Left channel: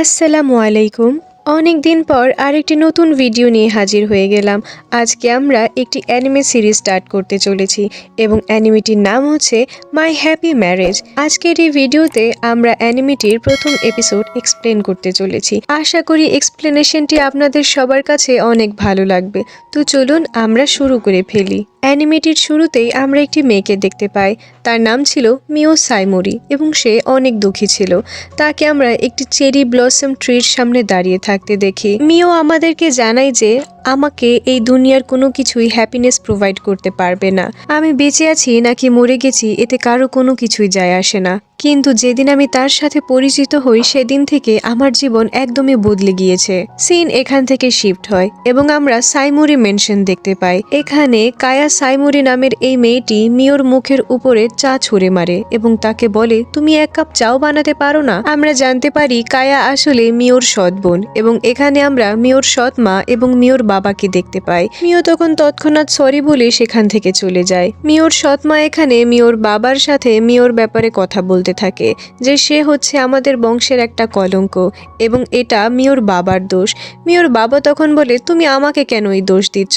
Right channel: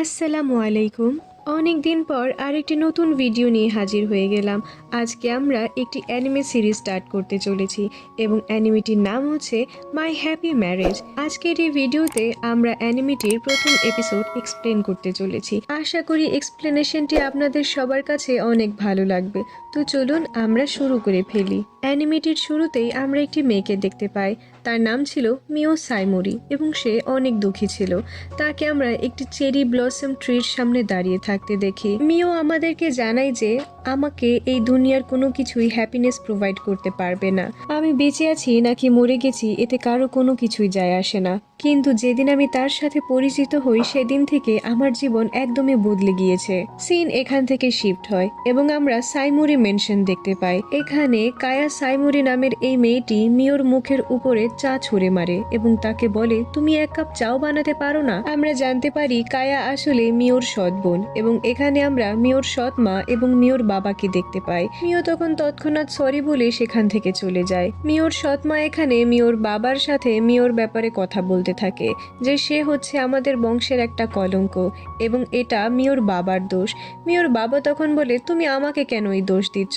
আসসালামু আলাইকুম। অনেক দিন পর আরেকটি নতুন ভিডিও নিয়ে হাজির হয়ে গেলাম। আজকে আমরা একটি অ্যানিমে সিরিজ স্টার্ট করতে চলেছি এবং অ্যানিমেটির নাম হচ্ছে মাই হ্যাপি ম্যারেজ। আজকের এই ভিডিওতে আমরা অ্যানিমেটির প্রথম এপিসোড এক্সপ্লেন করতে চলেছি। আশা করি এক্সপ্লেনেশনটি আপনাদের সবার কাছে অনেক ভালো লাগবে। তো চলুন আমরা শুরু করে ফেলি। অ্যানিমেটির শুরুতেই আমরা একটি মেয়েকে দেখতে পাই। তার নাম ছিল মিও সাইমোরি এবং সে অনেক দুঃখী ছিল। তাকে আমরা একটি চেরি ব্লসম ট্রির সামনে দাঁড়িয়ে থাকতে দেখি। মিও আমাদেরকে জানায় যে আমাকে এই দুনিয়ার কোনো কিছুই হ্যাপিনেস প্রোভাইড করতে পারবে না। আমি বেঁচে আছি নাকি মরে গেছি এতে কারো কোনো কিছুই যায় আসে না, কিন্তু যেদিন আমি তার সাথে পরিচিত হই সেদিন থেকে আমার জীবন একদমই বদলে গিয়েছে। সিন এখান থেকে শিফট হয় এবং আমরা সাইমুরি মেনশন দেখতে পাই। এখানে কায়া সাইমুরি নামের এই মেয়েটি মিওর মুখের উপরে চা ছুঁড়ে মারে এবং তাকে বলে, তুমি এক কাপ চাও বানাতে পারো না? আমরা জানতে পারি কায়া আসলে মিওর সৎ বোন এবং এখানে আমরা মিওর সৎ মা এবং মিওর বাবাকে দেখতে পাই। মিও তখন তৎক্ষণাৎ সরি বলে সেখান থেকে চলে যায়। মিওর সৎ মা এখানে মিওর বাবার সাথে মিওর ব্যাপারে কথা বলতে থাকে যে সে হচ্ছে আমাদের বংশের একটা কলঙ্ক এবং এটা মিওর বাবার দোষ। মিওর বাবা তখন বলে, তুমি আমাকে কেন এই দোষ দিচ্ছ?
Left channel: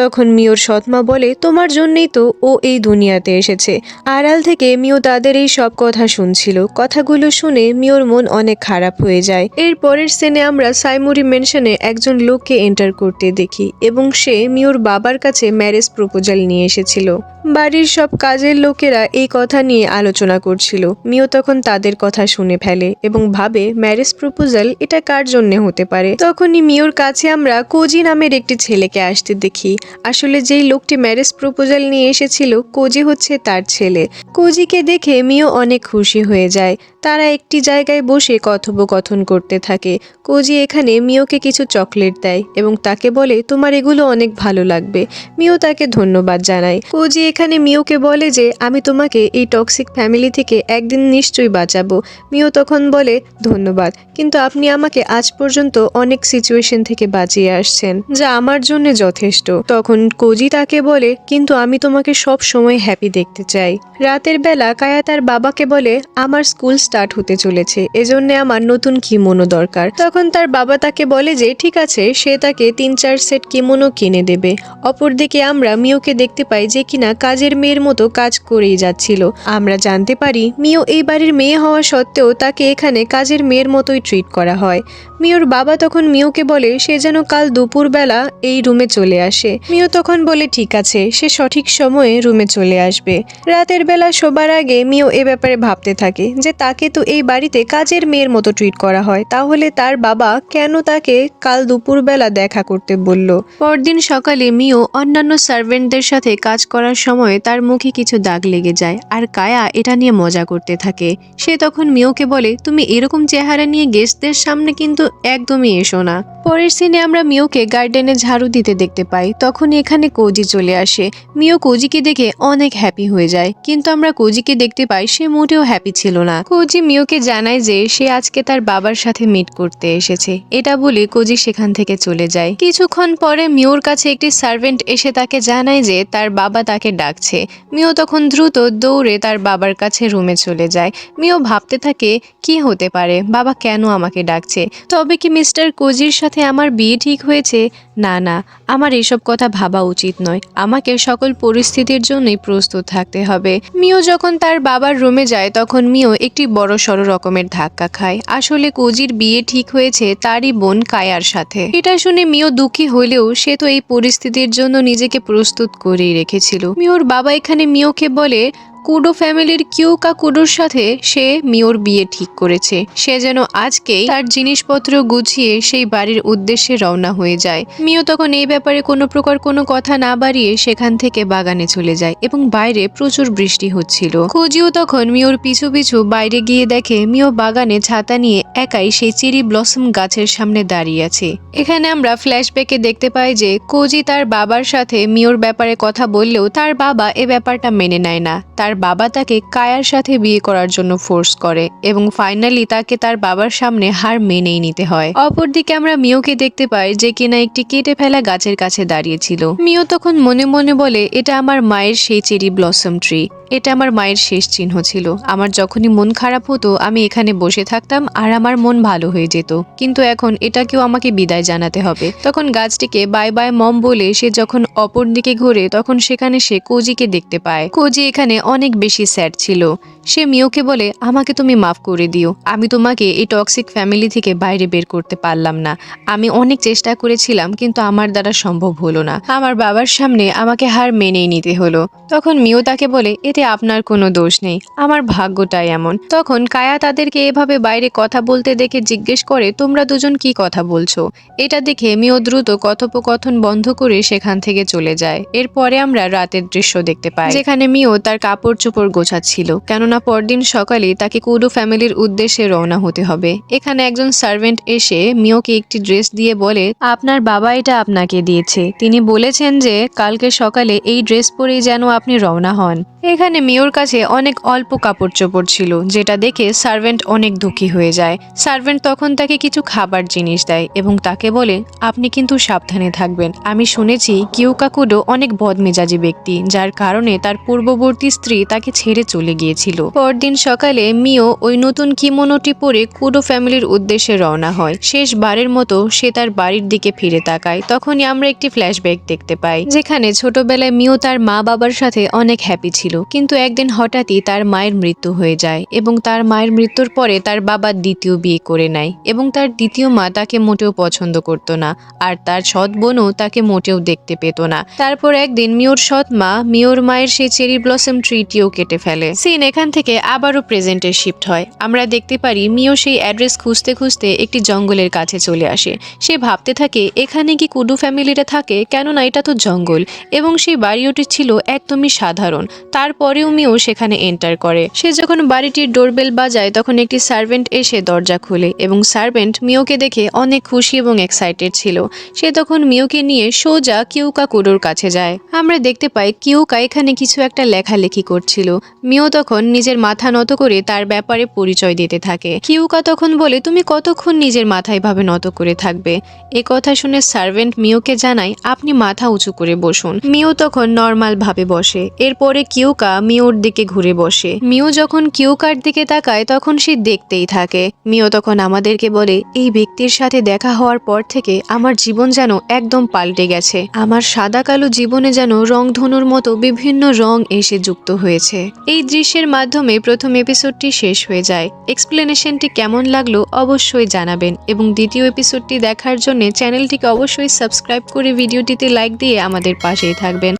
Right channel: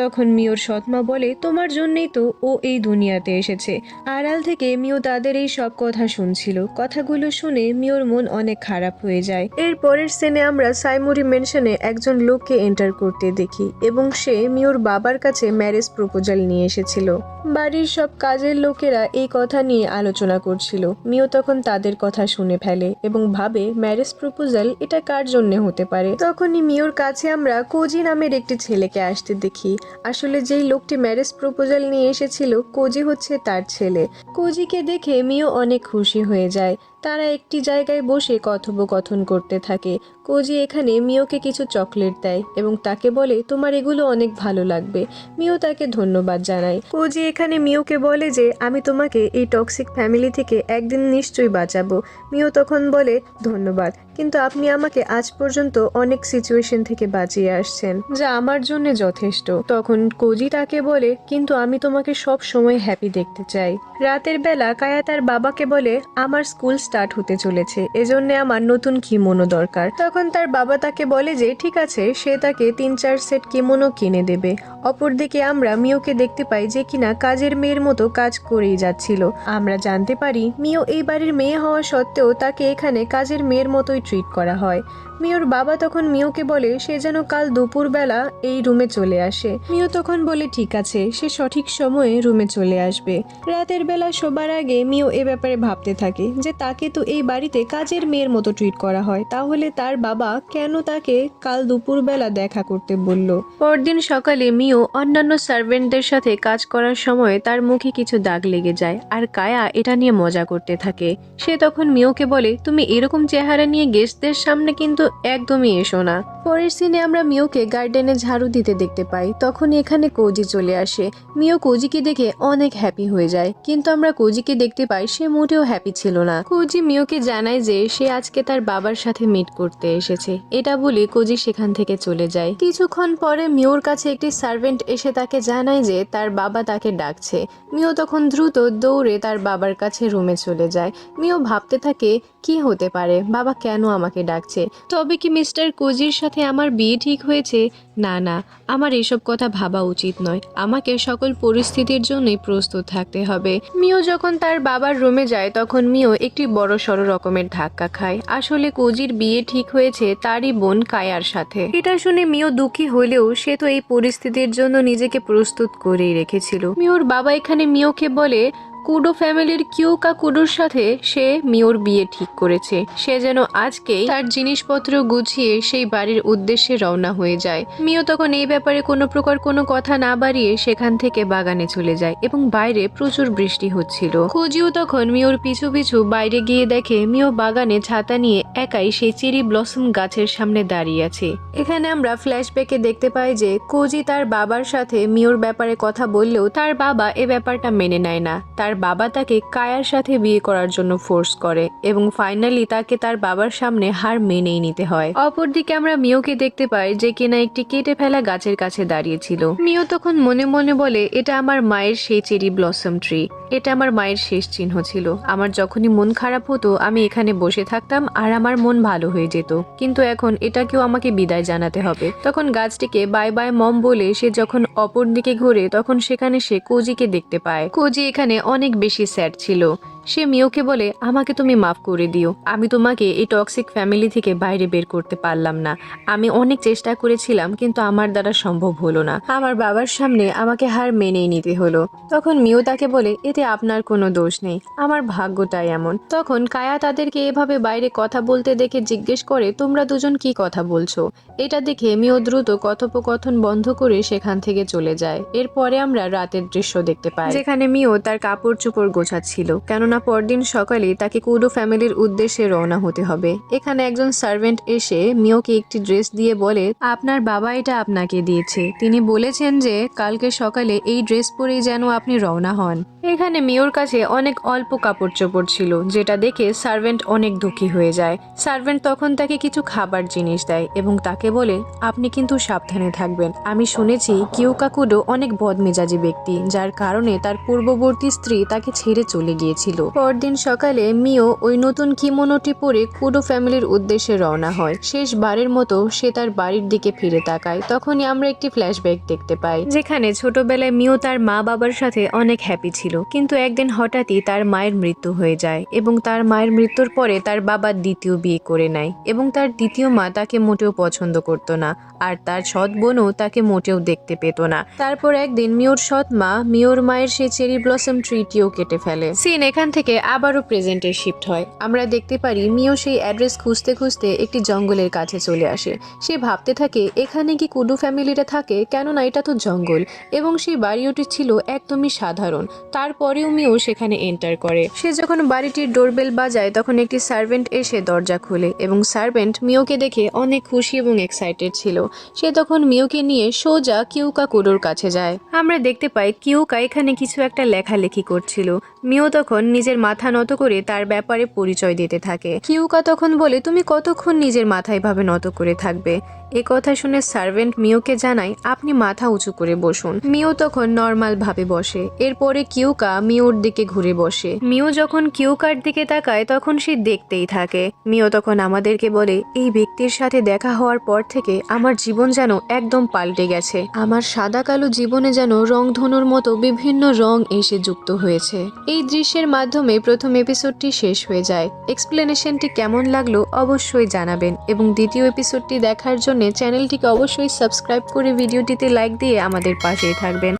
তখন মিওর সৎমা বলে, তোমার জন্যই তো ও এই দুনিয়াতে এসেছে। আড়াল থেকে মিও তাদের এই সব কথা শুনছিল। কথাগুলো শুনে মিওর মন অনেক খারাপ হয়ে যায়। এর পরের সিনে আমরা সাইমুরি মেনশনে একজন লোককে এন্টার করতে দেখি এবং সে মিওর বাবার কাছে ম্যারেজ প্রপোজাল নিয়ে এসেছিল। বাড়ির সব কাজের লোকেরা এই কথা নিয়ে আলোচনা করছিল। মিও তখন তাদের কথা শুনে ফেলে এবং ভাবে ম্যারেজ প্রপোজাল এটা কার জন্য হতে পারে। তখনই মিওর কাছে আমরা কোজি নামের একটি ছেলেকে আসতে দেখি। আসলে যেই লোকটি ম্যারেজ প্রপোজাল নিয়ে এসেছিল কোজি হচ্ছে তার ছেলে। কোজিকে দেখে মিও অনেক খুশি হয়ে যায়। তারা একটি জায়গায় বসে কথোপকথন করতে থাকে। কোজি এখানে মিওকে কিছু চকলেট দেয় এবং তাকে বলে, তোমার এগুলো অনেক ভালো লাগবে। মিও তাকে ধন্যবাদ জানায়। কোজি এখানে মিওকে বলে যে আমি তোমাকে এই টক্সিক ফ্যামিলি থেকে একদিন নিশ্চয়ই বাঁচাবো। মিও তখন বলে, ধন্যবাদ, কিন্তু আপনি আমাকে আজ পর্যন্ত অনেক সিচুয়েশন থেকে বাঁচিয়ে আসছেন, যা আমার জন্য যথেষ্ট। তখন কোজি তাকে বলে, কিন্তু আমি তোমাকে সব সময় হ্যাপি দেখতে চাই। রাতের বেলা কায়া তার বাবাকে বলে, আমার স্কুল স্টার্ট হতে চলেছে, এজন্য আমার নতুন কিমোনো দরকার। তখন তার বাবা তাকে বলে যে ঠিক আছে, সে তাকে 3-4 সেট কিমোনো কিনে দেবে। অপরদিকে আমরা মিওকে দেখতে পাই যে কিনা কাজের মেয়ের মতো কাজ করেই যাচ্ছিল। আমরা জানতে পারি মিও এই বাড়ির মেয়ে হওয়া সত্ত্বেও তাকে এখানে কাজের মেয়ের মতোই ট্রিট করা হয়। মিওর বাবা তখন মিওকে বলে সে যেন কাল দুপুরবেলা এই রুমে চলে আসে। মিও তখন বলে ঠিক আছে, সে সঠিক সময়ে রুমে চলে আসবে। রাতের বেলা শোবার আগে মিও এ ব্যাপারে ভাবতে থাকে যে তাকে তো এই বাড়িতে কাজের মেয়ের মতো ট্রিট করা হয়, তাহলে তার বাবা কেন তাকে কাল দুপুরবেলা দেখা করতে বলল। পরদিন সকালে মিও অন্যান্য সার্ভেন্টদের সাথে কাজ করার সময় তার মুখে কিছু দাগ লেগে যায় আর কায়া এটা নিয়ে মজা করতে থাকে। সে তখন মিওকে বলে, তুমি এরকম চেহারা নিয়ে গেস্টদের সামনে কিন্তু একদমই এসো না। পরের সিনে আমরা মিওকে গার্ডেনে ঝাড়ু দিতে দেখতে পাই। তখন এখানে কোজি চলে আসে। মিও কোজিকে দেখে অনেক হ্যাপি হয়ে যায়, কিন্তু আমরা কোজিকে দেখতে পাই সে মোটেও হ্যাপি ছিল না। কোজি মিওকে জানায় যে সে আজকে তার বাবার সাথে মিট করতে এসেছে। এটা বলে কোজি সেখান থেকে চলে যায়। কিছুক্ষণ পরে মিওর কাছে একটি সার্ভেন্ট এসে তাকে জানায় যে তার বাবা তাকে ডাকছে। মিও তখন দ্রুত দৌড়ে তার বাবার কাছে রুমে চলে যায়। মিও ভাবতে থাকে কি হতে পারে, বাবা কেন আমাকে ডাকছে? তবে কি মিস্টার কোজির সাথে আমার বিয়ে ঠিক হয়েছে? না না, আমার এসব কথা ভাবা উচিত নয়। আমাকে সকল পরিস্থিতির জন্যই প্রস্তুত থাকতে হবে। মিও যখন তার বাবার রুমে যায় তখন মিও একটি বড় সড় রকমের ধাক্কা খায়। আসলে কোজির বিয়ে ঠিক হয়েছে তারই বোন কায়ার সাথে। এটা শুনে মিও দুঃখী হলেও সে তো এই পরিস্থিতির জন্য নিজেকে প্রস্তুত করেই রেখেছিল। মিওর বাবা এখানে মিওকে বলে কুডো ফ্যামিলির কিউকা কুডোর সাথে সে মিওর বিয়ে ঠিক করেছে। সে যেন আজকেই তার জিনিসপত্র গুছিয়ে সেই বাড়ির উদ্দেশ্যে রওনা হয়ে যায়। মিও তখন এই ব্যাপারে কোনো প্রকার কোনো কথা না বাড়িয়ে সেখান থেকে বাগানে চলে যায় এবং বাইরে প্রচুর বৃষ্টি হচ্ছিল। কোজিও তখন মিওর পিছু পিছু বাইরে গিয়ে দেখে মিও বাগানে ছাতা নিয়ে একাই সেই চেরি ব্লসম গাছের সামনে দাঁড়িয়ে আছে। এখানে আমরা ফ্ল্যাশব্যাকে দেখতে পাই যে কোজি তার বাবার সাথে মিওর ব্যাপারে কথা বললেও তার বাবা এ ব্যাপারটা মেনে নেয় না। তার তার বাবা তাকে কায়ার সাথে বিয়ে করার জন্য ফোর্স করে এবং ফাইনালি তাকে তার বাবার সামনে হার মেনেই নিতে হয়। অপরদিকে আমরা মিওকে দেখতে পাই যে কিনা একটি কেটে ফেলা গাছের কাছে দাঁড়িয়েছিল। মিও তখন মনে মনে বলে, এটা আমার মায়ের সেই চেরি ব্লসম ট্রি, এটা আমার মায়ের শেষ চিহ্ন ছিল। আমার যখনই মন খারাপ হতো আমি এখানে বসে থাকতাম আর আমার মন ভালো হয়ে যেত, কিন্তু এখন এটাকেও আমাকে বিদায় জানাতে হবে। তখন গাছটিকে বাই বাই মম বলে সে যখন অপর দিকে ঘুরে তখন সেখানে সে কোজিকে দেখতে পায়। কোজি এখানে অনেক বেশি স্যাড ছিল। সে মিওকে বলে, আমাকে তুমি মাফ করে দিও, আমি তোমাকে এই টক্সিক ফ্যামিলি থেকে বাইরে বের করতে পারলাম না। আমি অনেক চেষ্টা করেছিলাম কিন্তু আমার দ্বারা সম্ভব হলো না। আমার বাবার সামনে আমাকে হার মেনেই নিতে হলো। তখন মিও তাকে বলে, এতে আপনার কোনো দোষ নেই, আমার ভাগ্যটাই এমন। তখন কায়া তাদেরকে এভাবে বাইরে কথা বলতে দেখে জিজ্ঞেস করে, তোমরা দুজন কি কথা বলছো? এটা দেখে মিও দ্রুত কথোপকথন বন্ধ করে সেখান থেকে চলে যায়। এরপরে আমরা রাতের দৃশ্য দেখতে পাই, যেখানে মিও তার কাপড় চোপড় গোছাচ্ছিল, কেননা পরদিন সকালে তাকে কুডো ফ্যামিলির উদ্দেশ্যে রওনা হতে হবে। এখানে একজন সার্ভেন্ট এসে মিওকে একটি ড্রেস দিয়ে বলে, আপনার বাবা এটা আপনাকে দিয়েছে, তিনি বলেছেন যে কালকে সকালে এই ড্রেস পরেই যেন আপনি রওনা হন। এখানে মিওর কাছে অনেক অল্প কাপড় চোপড় ছিল, যেটা দেখে সার্ভেন্ট অনেক দুঃখী হয়ে যায়। সার্ভেন্ট তখন তাকে কিছু খাবার জিনিস দেয় এবং তাকে বলে, আপনি কিন্তু সাবধানে থাকবেন। আমি শুনেছি কিউকা কুডো অনেক বদমেজাজি ব্যক্তি, যার কারণে তার পূর্ববর্তী স্ত্রী তাকে ছেড়ে চলে গিয়েছিল। পরদিন সকালে মিও ওই নতুন কিমোনোটি পরে কুডো ফ্যামিলির উদ্দেশ্যে রওনা হয়। শেষবারের মতো সে তার বাড়ির দিকে ফিরে তাকায়। তখনই আমরা একটি ফ্ল্যাশব্যাক দেখতে পাই, যেখানে ছোটবেলায় মিও তার মা বাবার সাথে অনেক হ্যাপি ছিল, কিন্তু একদিন হঠাৎই তার মায়ের মৃত্যু হয়ে যায় এবং তার মায়ের মৃত্যুর পরে তার বাবা দ্বিতীয় বিয়ে করে নেয় এবং তার দ্বিতীয় মা তাকে মোটেও পছন্দ করত না, আর তার সৎ বোনও তাকে মোটেও দেখতে পেত না। তারপর একদিন মিওর সৎ মা মিওর মায়ের সেই চেরি ব্লসম ট্রিটিও কেটে ফেলে। সিন এখান থেকে আবারও প্রেজেন্টে শিফট হয়। আমরা দেখতে পারি মিও সেই অ্যাড্রেস খুঁজতে খুঁজতে একটি জঙ্গলের কাছে চলে আসে। সে ভাবতে থাকে, এখানে কি কুডু ফ্যামিলিটা থাকে, কেননা এটা তো জঙ্গল এবং সেই বাড়িটি ছিল একদমই সাধারণ। তারপরেও মিও সেখানে এন্টার করে। সে যখন বাড়িটির ডোরবেল বাজায় তখন একটি সার্ভেন্ট এসে দরজা খোলে এবং সার্ভেন্ট মিওকে দেখে অনেক খুশি এবং এক্সাইটেড ছিল। সে তখন মিওকে নিয়ে সোজা কিউকা কুডোর কাছে যায়। আমরা দেখতে পাই কিউকা এখানে কিছু একটা লেখালেখি করছিল। মিও তখন নিজের মাথা নত করে তার ব্যাপারে পরিচয় দিতে থাকে। কিউকা তখন বলে, তুমি কতক্ষণ নিজের মাথা এভাবে নত করে থাকবে? এ কথা শুনে সার্ভেন্ট মিওকে জানায়, আপনি মাথা উঁচু করে বসুন। মিও তখন নর্মাল ভাবে বসে। এরপরে কিউকা মিওর দিকে ঘুরে বসে। মিও যখন কিউকার দিকে তাকায় তখন সে দেখতেই থাকে। মিও তখন আমাদেরকে বলে, এই ব্যক্তির সাথে দেখা হওয়ার পর থেকে আমার জীবন যেন একদম পাল্টে গেছে। আমার সাদা কালো জীবনে যেন রংধনুর মতো বিভিন্ন রং এসে যুক্ত হয়েছে। এই দৃশ্যের মাধ্যমে প্রথম এপিসোডটি শেষ হয়ে যায়। এক্সপ্লেনেশনটি কেমন লাগলো অবশ্যই জানাবেন এবং দ্বিতীয় এপিসোডটি দেখার জন্য চ্যানেলটিকে অবশ্যই সাবস্ক্রাইব করে ভিডিওটিতে লাইক দিয়ে আমাদের পাশেই থাকবেন।